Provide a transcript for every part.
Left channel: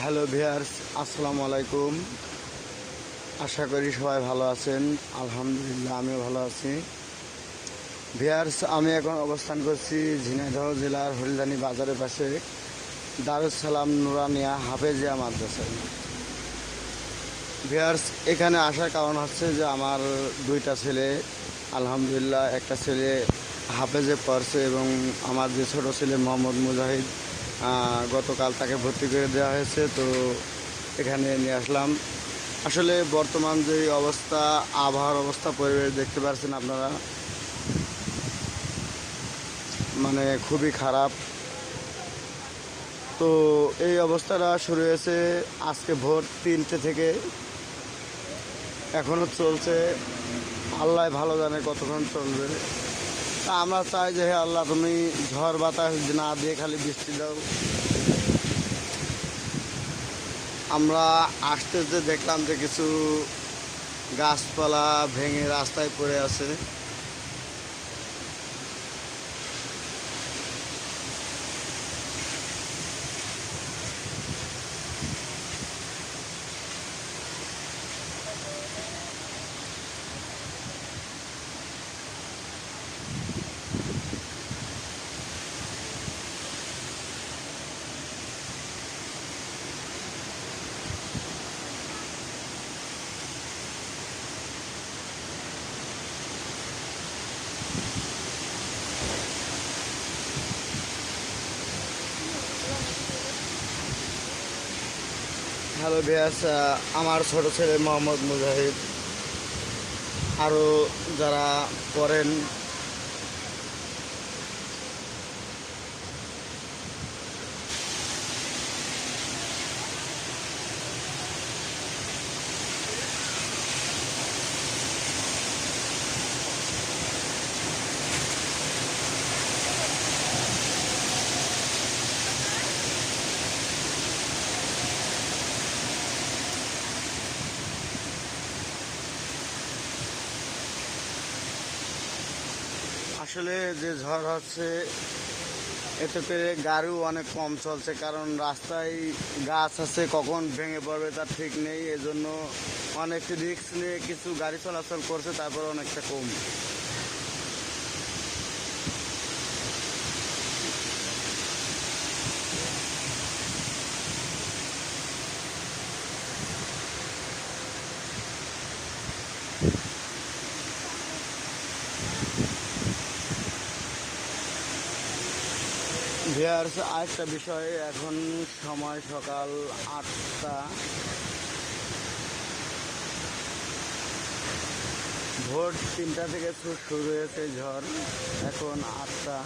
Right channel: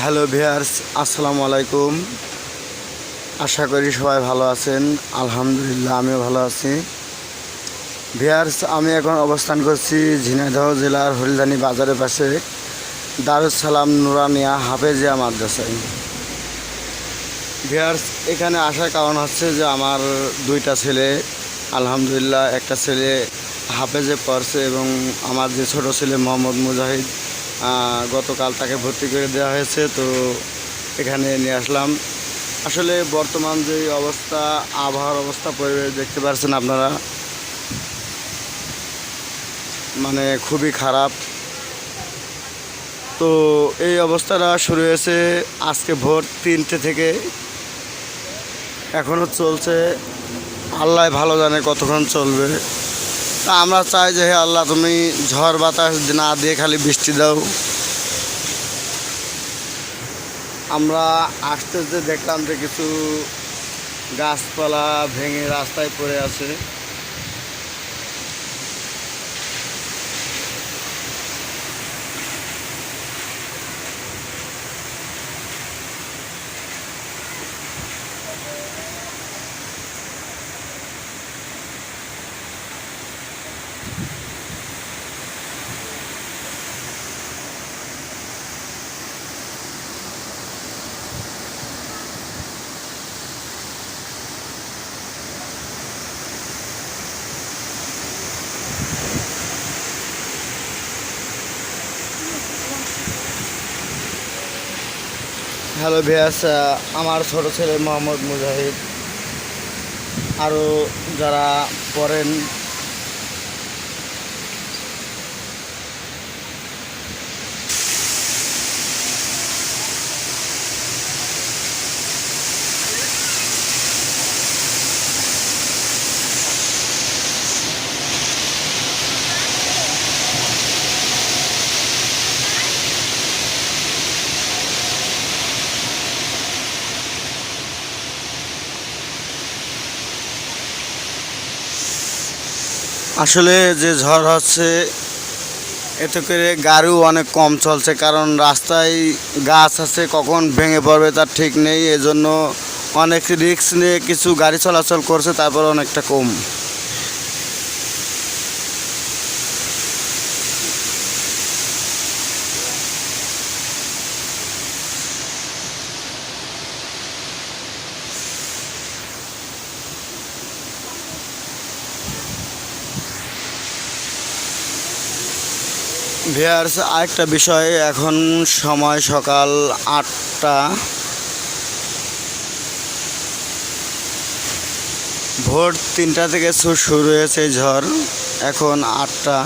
Hello viewers আসসালামু আলাইকুম। আশা করি সবাই ভালো আছেন। আলহামদুলিল্লাহ, আমিও ভালো আছি। ভিয়ার্স আমি এখন অবস্থান করছি ঝিনাইদহ জেলার হরিদানি বাজারের পাশে দারুস সালাম নুরানিয়া হাফেজিয়া মাদ্রাসায়। ভিয়ার্স এখানে আসার কারণ হচ্ছে যে আমার দুইটা ছেলে, আলহামদুলিল্লাহ, একটা ছেলে হাফেজে পড়ছে এবং আমার যে ছোটো ছেলে মোহাম্মদ মুজাহিদ গতকাল তাকে ভর্তি করে দেওয়া হয়েছে, তো এখানে নিয়ে আসলাম। আসলে বর্তমান যে অবস্থা, আবহাওয়ার অবস্থা, পরিবেশ দেখতে পাচ্ছেন আপনারা। মানে খুবই খারাপ। তো এই অবস্থাটা শুরু হয়েছে আজকে ভোর তিনটে থেকে। এখনও চলছে। আল্লাহ ভালো জানে কতক্ষণ চলবে। তা আমরা চাই যে হে আল্লাহ, তুমি ঝড় বাতাস না দিয়ে খালি বৃষ্টি দাও। আমরা আসতে আসতে দেখলাম যে কিছু গাছপালা ভেঙে রাস্তায় পড়ে আছে। হ্যালো ভিয়াস আমার ছোট ছেলে মোহাম্মদ মুজাহিদ। আরও যারা পড়েন আসলে যে ঝড় হচ্ছে, এতে করে গাড়িও অনেক কম চলছে, কারণ রাস্তায় গাছ আছে, কখন ভেঙে পড়বে তার ঠিক নেই, এজন্য অনেক রিস্ক নিয়ে কিছু গাড়ি চলাচল করছে, তারপর অনেকটা কম। ভিয়ার্স আরেকটা বিষয়, এখন সময় সকাল আটটা। ভোর তিনটা থেকে শুরু হয়েছে ঝড়, এখন আটটা।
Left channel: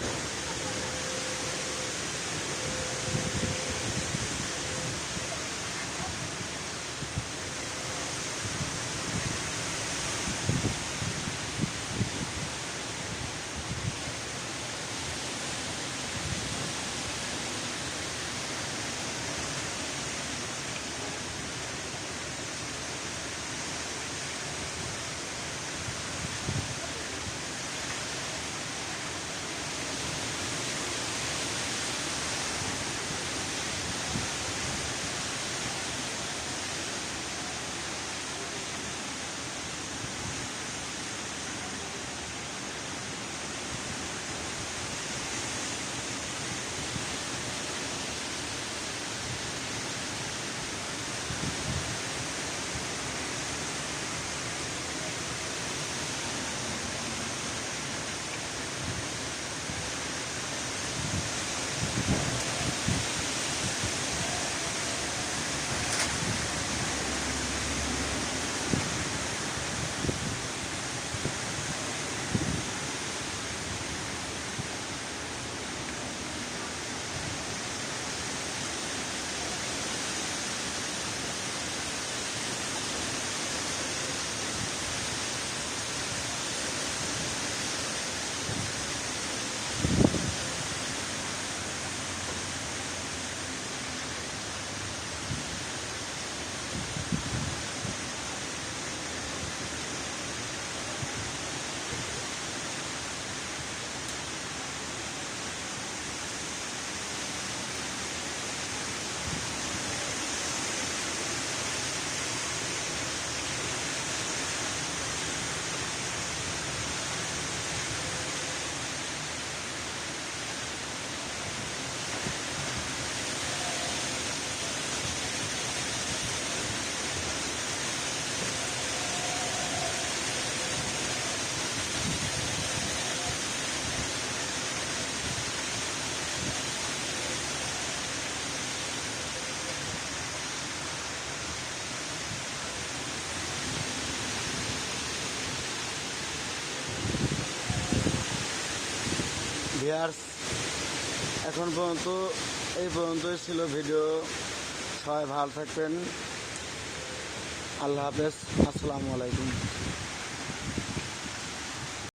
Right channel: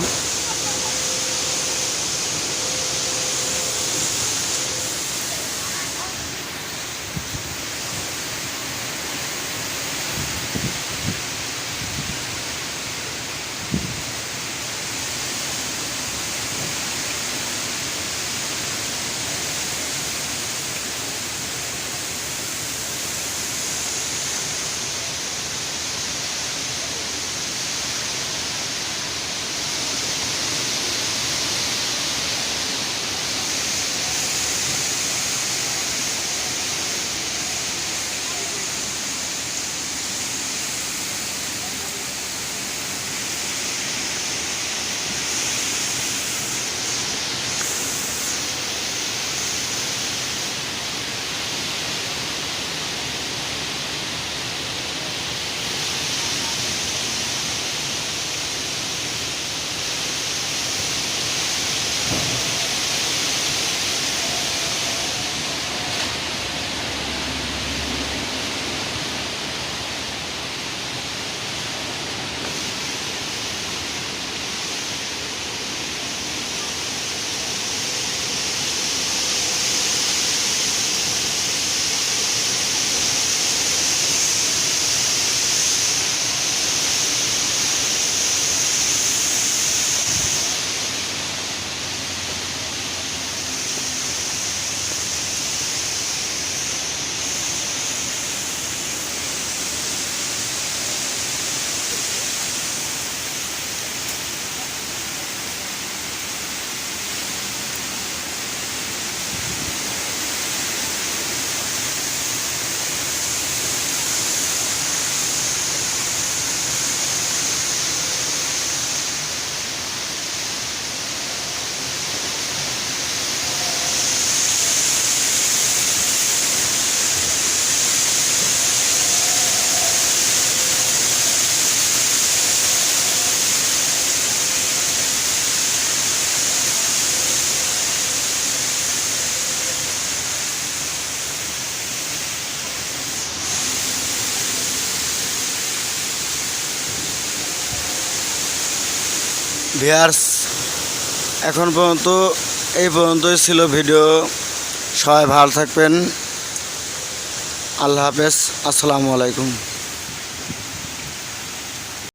ভিয়ার্স এখন পর্যন্ত এই পর্যন্তই ছিল ভিডিও। সবাই ভালো থাকবেন। আল্লাহ হাফেজ। আসসালামু আলাইকুম।